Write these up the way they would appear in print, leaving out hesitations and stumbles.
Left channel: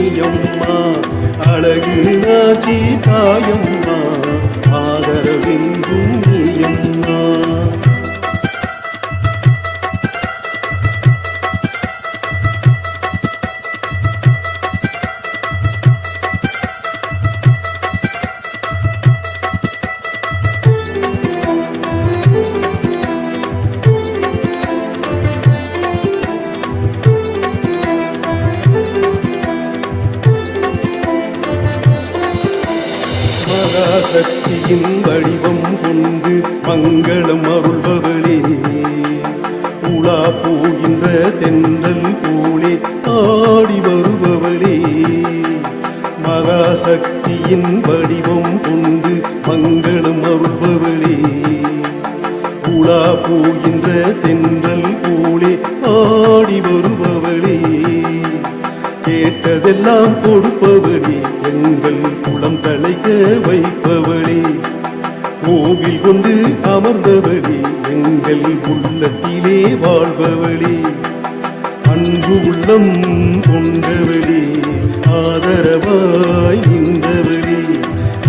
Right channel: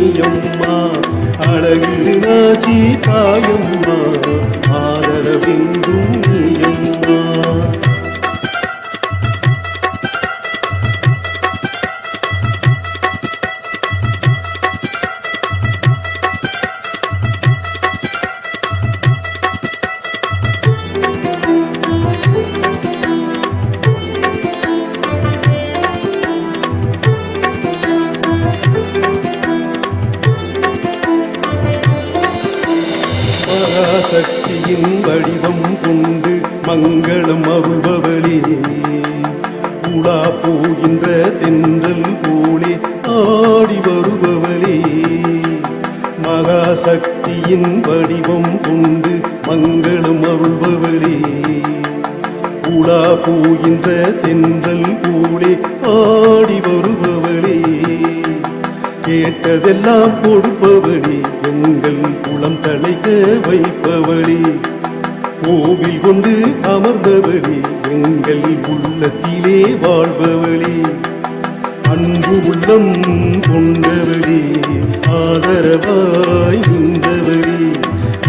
நீயம்மா, அழகு நாச்சி தாயம்மா, ஆதரவென்றும் நீயம்மா. மகாசக்தியின் வடிவம் கொண்டு மங்களம் அருள்பவளே, உலா போகின்ற தென்றல் போலே ஆடி வருபவளே. மகாசக்தியின் வடிவம் கொண்டு மங்களம் அருள்பவளே, உலா போகின்ற தென்றல் போலே ஆடி வருபவளே. கேட்டதெல்லாம் கொடுப்பவளே, எங்கள் குளம் தழைக்க வைப்பவளே. கோவில் கொண்டு அமர்ந்தவளே, எங்கள் உள்ளத்திலே வாழ்பவளே. அன்பு உள்ளம் கொண்டவளே, ஆதரவாய் நின்றவளே.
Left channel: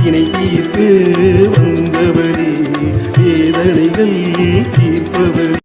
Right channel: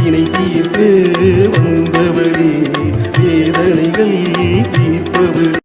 இணை தீர்க்க வந்தவளே, வேதனைகள் தீர்ப்பவளே.